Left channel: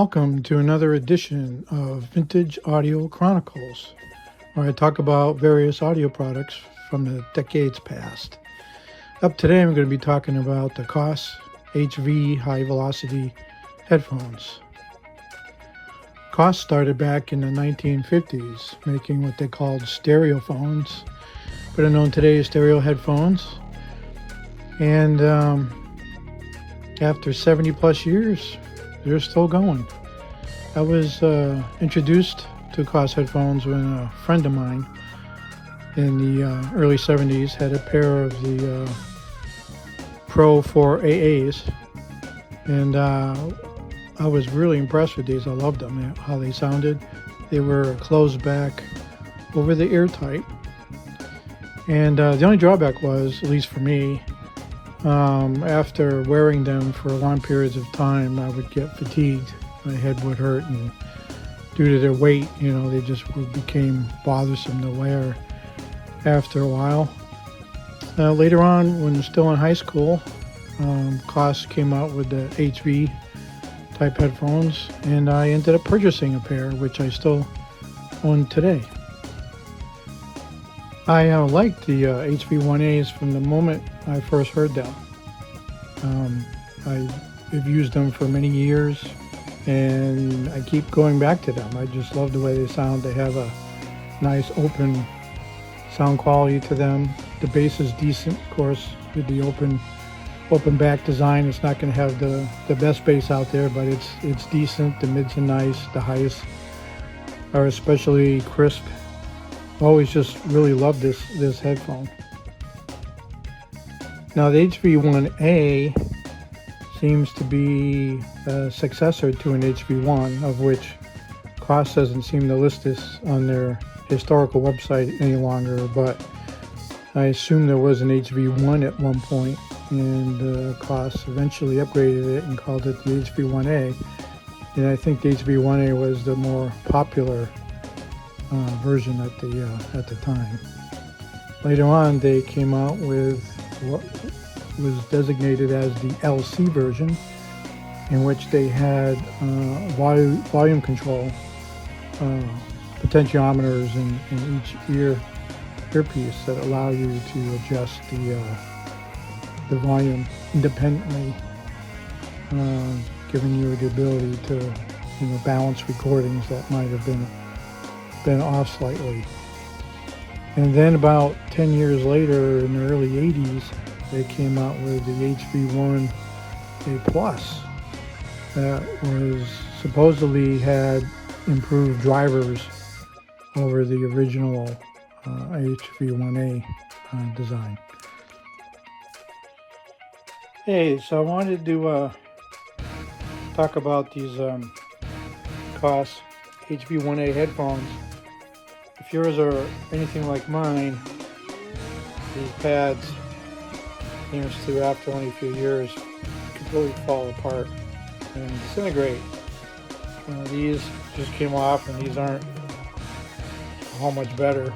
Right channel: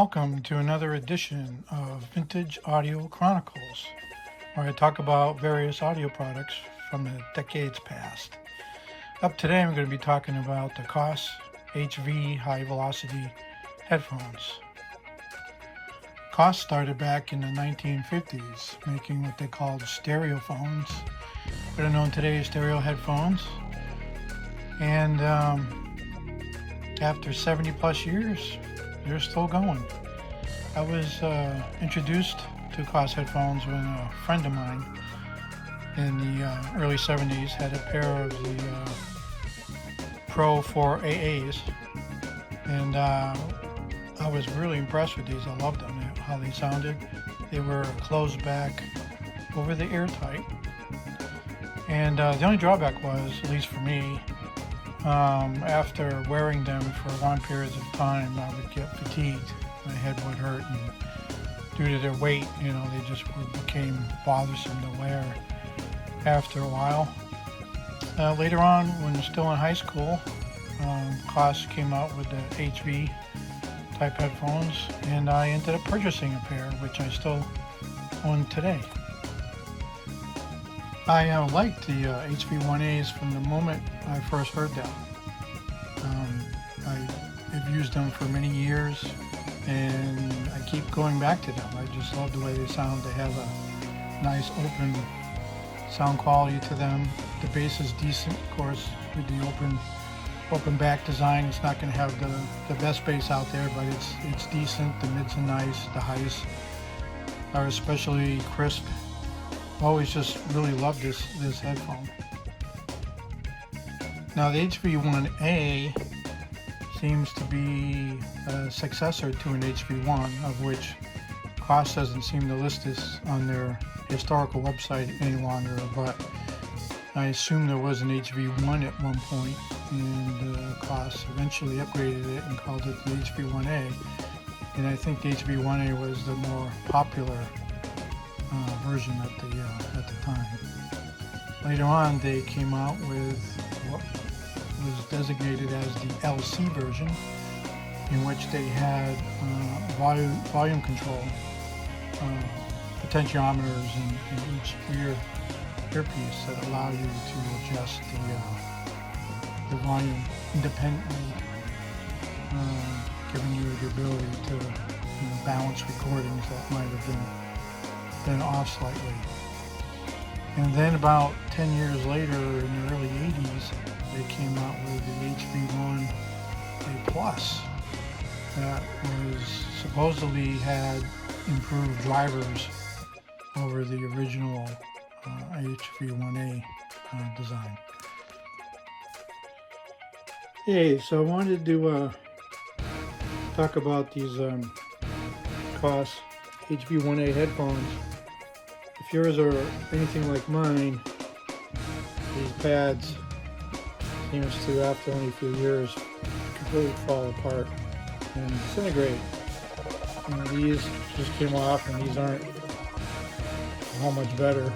Welcome to another edition of Vintage-Audio-Chronicles, where I talk about various audio products from the decades past. Up today, I'm going to be talking about the Koss HV High Velocity Headphones. Koss started back in the 1950s, making what they called stereophones, better known today as stereo headphones. And after 70 plus years, they're still going. I was introduced to Koss headphones when a friend of mine in the early 70s had a pair of the Pro 4AAs, and I was really impressed with these. I loved them, how they sounded. They were closed back, over the ear tight, and the only drawback was, at least for me, after wearing them for long periods of time, I would get fatigued. My head would hurt, and due to their weight, they just became bothersome to wear after a while. Later on, when still in high school, Koss came out with the HV type headphones, and I ended up purchasing a pair, which I still own today. I liked the HV1As from the moment I first heard them. I've used them for many years, and I keep going back to them. I just love the way they sound. They have a nice open sound quality to them. The bass is decent, of course, with the open back design. It's not going to have the best bass out there, but it's decent. The mids are nice. The highs are especially crisp. Always just really loved this headphone. Now the HV1A seems to be a successor to an HV1, of which Koss doesn't seem to list this on their historical website any longer, but I assume there was an HV1 at one point, and Koss eventually upgraded it and called it the HV1A, and I think the HV1A was the more popular version at the time. Later on, they came out with what was designated as the LC version, in which they had volume control, potentiometers in each earpiece that allow you to adjust the volume independently, giving you the ability to balance recordings that might have been off slightly. And then about 10 years later, in the early 80s, they came out with the HV1A Plus that was supposedly had improved drivers over the original HV1A design. Hey, so I wanted to talk about these Koss HV1A headphones. If yours are anything like mine, these pads seems to, after only a few years, completely fall apart and disintegrate. These just came off, and these aren't how much better.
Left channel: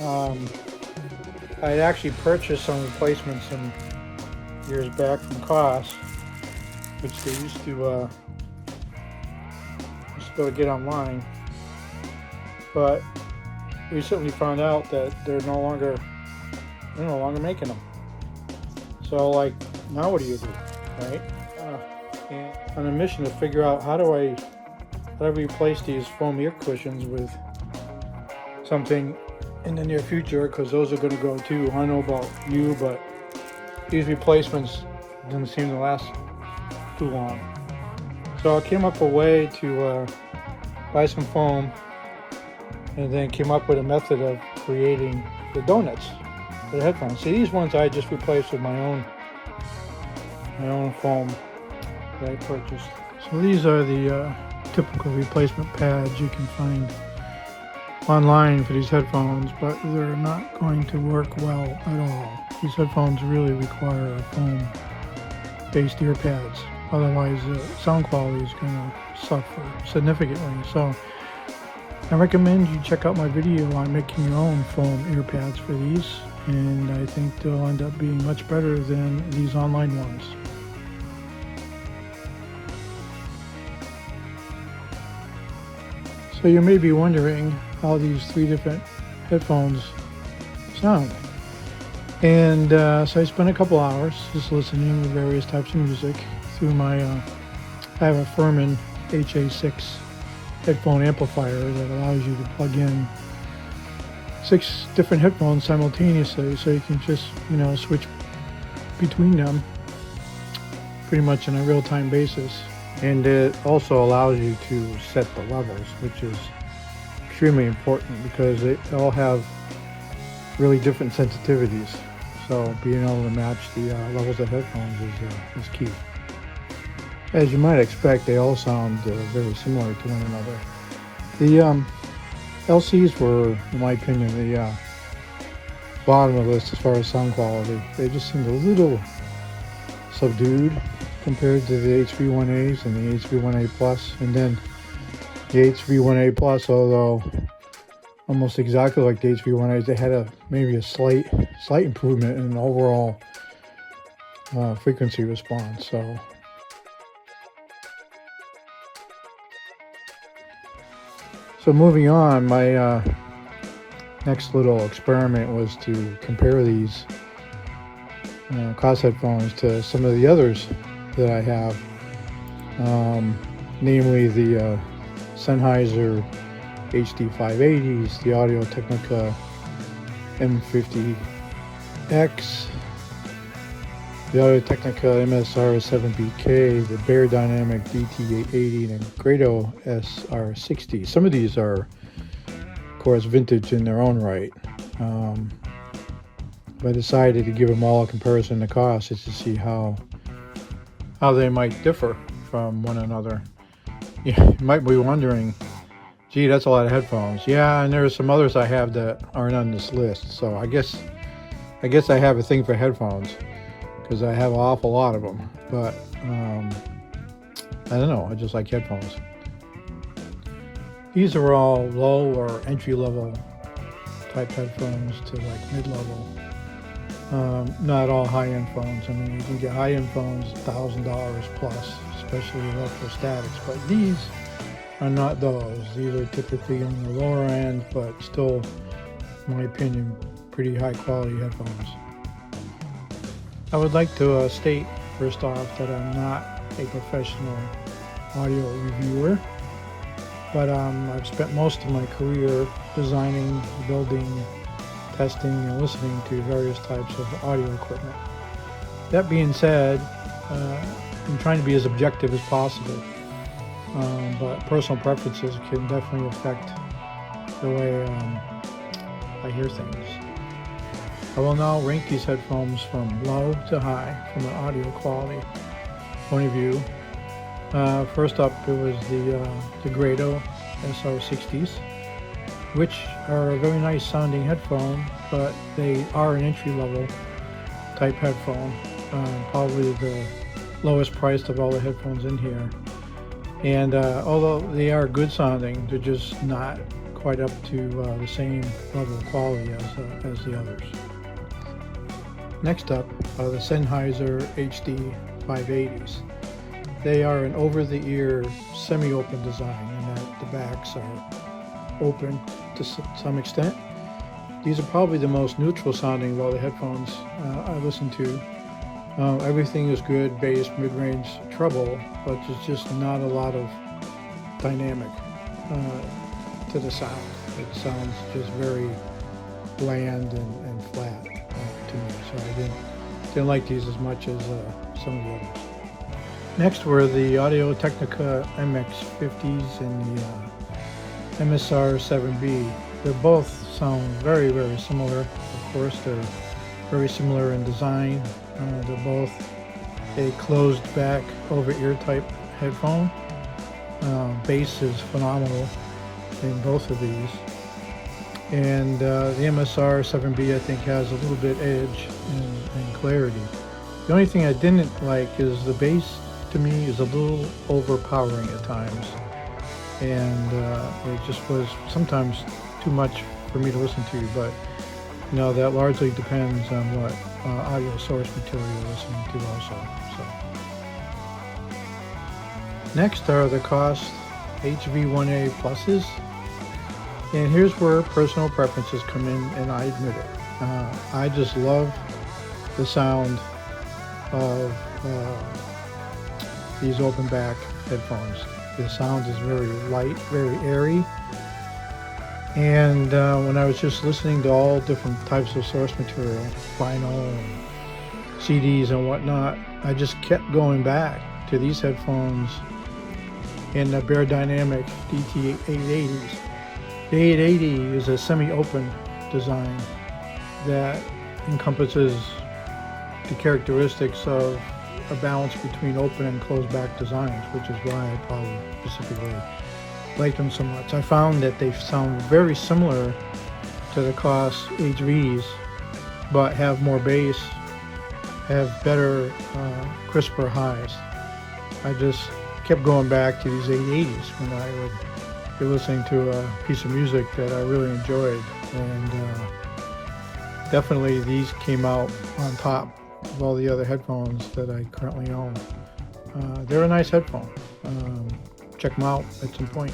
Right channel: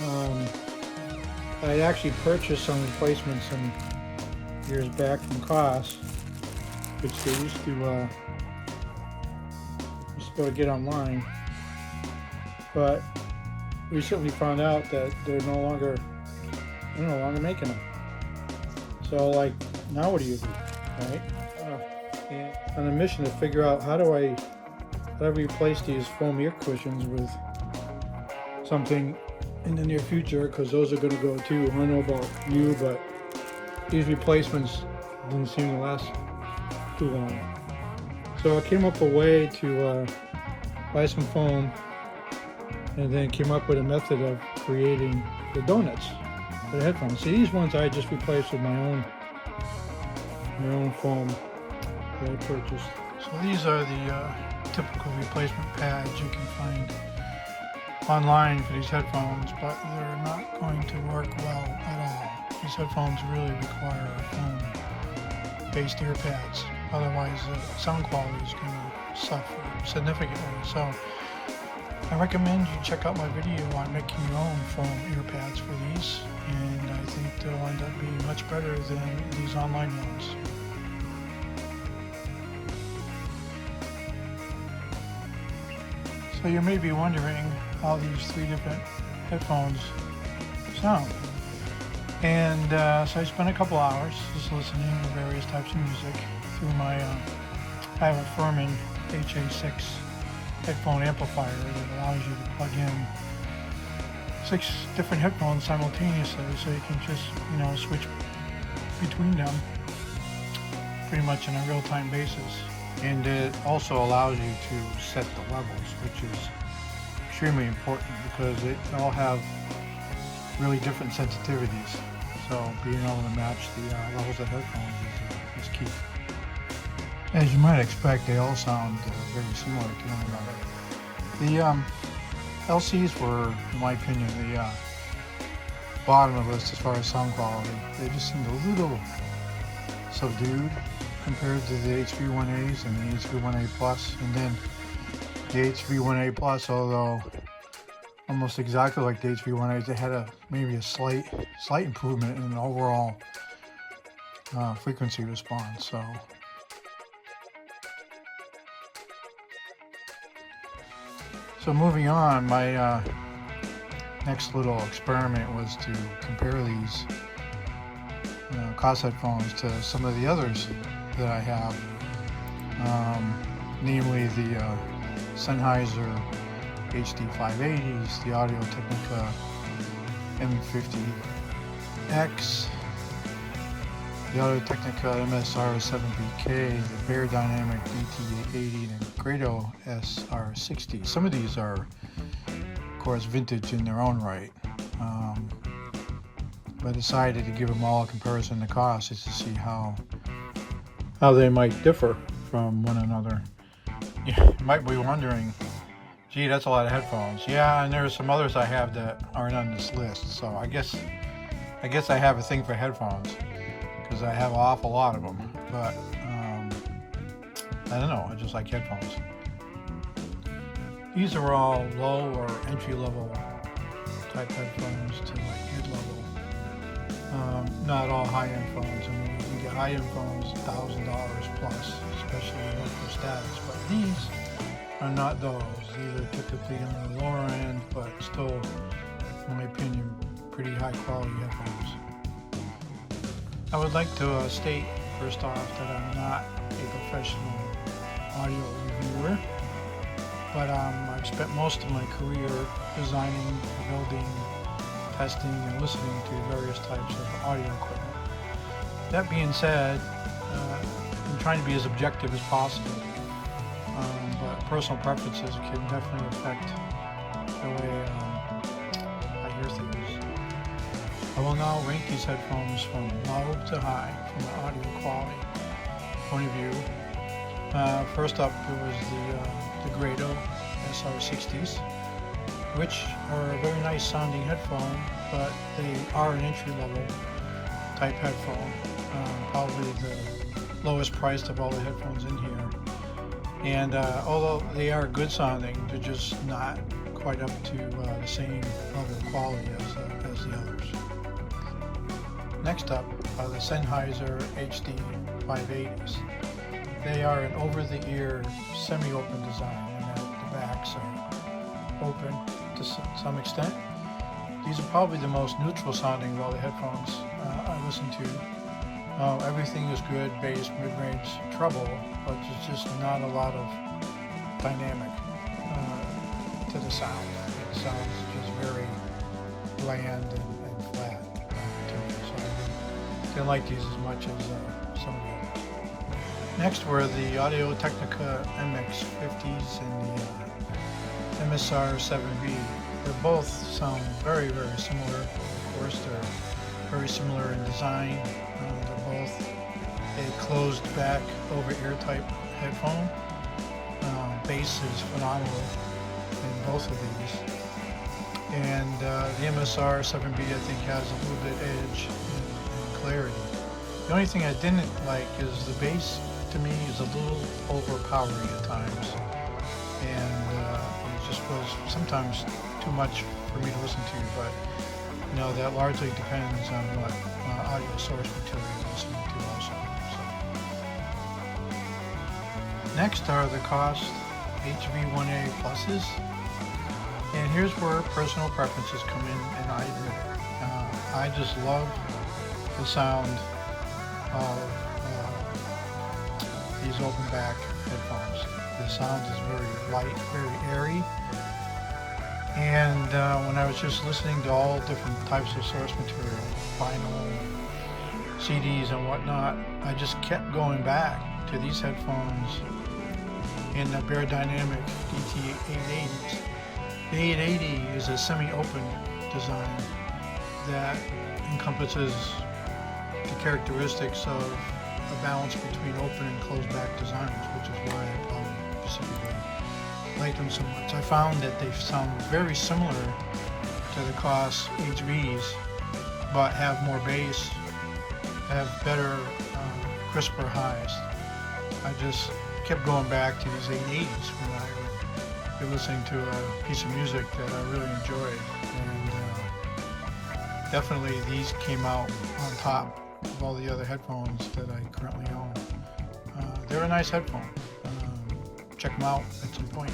I actually purchased some replacements some years back from Koss, which they used to be able to get online, but recently found out that they're no longer making them. So now what do you do, right? On a mission to figure out how do I replace these foam ear cushions with something in the near future, because those are going to go too. I don't know about you, but these replacements didn't seem to last too long. So I came up with a way to buy some foam, and then came up with a method of creating the donuts for the headphones. See, these ones I just replaced with my own foam that I purchased. So these are the typical replacement pads you can find online for these headphones, but they're not going to work well at all. These headphones really require foam-based ear pads. Otherwise, the sound quality is going to suffer significantly. So I recommend you check out my video on making your own foam ear pads for these, and I think they'll end up being much better than these online ones. So you may be wondering how these 3 different headphones sound. And so I spent a couple hours just listening to various types of music through my, I have a Furman HA6 headphone amplifier that allows you to plug in 6 different headphones simultaneously, so you can just, switch between them pretty much on a real-time basis. And it also allows you to set the levels, which is extremely important because they all have really different sensitivities. So being able to match the levels of headphones is key. As you might expect, they all sound very similar to one another. The LCs were, in my opinion, the bottom of the list as far as sound quality. They just seemed a little subdued compared to the HV1As and the HV1A Plus. And then the HV1A Plus, although almost exactly like the HV1As, they had maybe a slight improvement in the overall frequency response. So moving on, my next little experiment was to compare these Koss headphones to some of the others that I have, namely the Sennheiser HD 580s, the Audio-Technica M50X, the Audio-Technica MSR 7BK, the Bear Dynamic BT880, and the Grado SR60. Some of these are, of course, vintage in their own right. But I decided to give them all a comparison to cost just to see how they might differ from one another. You might be wondering, gee, that's a lot of headphones. Yeah, and there are some others I have that aren't on this list. So I guess I have a thing for headphones because I have an awful lot of them. But I don't know, I just like headphones. These are all low or entry-level type headphones to like mid-level. Not all high-end phones. I mean, you can get high-end phones $1,000 plus, especially electrostatics. But these are not those. These are typically on the lower end, but still, in my opinion, pretty high-quality headphones. I would like to state first off that I'm not a professional audio reviewer, but I've spent most of my career designing, building, testing, and listening to various types of audio equipment. That being said, I'm trying to be as objective as possible, but personal preferences can definitely affect the way I hear things. I will now rank these headphones from low to high from an audio quality point of view. First up, it was the Grado SR60s, which are a very nice sounding headphone, but they are an entry-level type headphone, probably the lowest priced of all the headphones in here. And although they are good sounding, they're just not quite up to the same level of quality as the others. Next up, the Sennheiser HD 580s. They are an over-the-ear semi-open design, and the backs are open to some extent. These are probably the most neutral sounding of all the headphones I listen to. Everything is good, bass, mid-range, treble, but there's just not a lot of dynamic to the sound. It sounds just very bland and flat to me, so I didn't like these as much as some of the others. Next were the Audio-Technica MX50s and the MSR 7B. They both sound very, very similar. Of course, they're very similar in design. They're both a closed back over-ear type headphone. Bass is phenomenal in both of these. And the MSR 7B I think has a little bit edge and clarity. The only thing I didn't like is the bass to me is a little overpowering at times. And it just was sometimes too much for me to listen to, but that largely depends on what audio source material you're listening to also. So. Next are the Koss HV1A Pluses. And here's where personal preferences come in, and I admit it. I just love the sound of these open back headphones. The sound is very light, very airy. And when I was just listening to all different types of source material, vinyl, CDs and whatnot, I just kept going back to these headphones in the Bear Dynamic DT880s. The 880 is a semi-open design that encompasses the characteristics of a balance between open and closed back designs, which is why I probably specifically like them so much. I found that they sound very similar to the Koss HVs, but have more bass, have better, crisper highs. I just kept going back to these 880s when I would be listening to a piece of music that I really enjoyed, and definitely these came out on top of all the other headphones that I currently own. They're a nice headphone. Check them out at some point.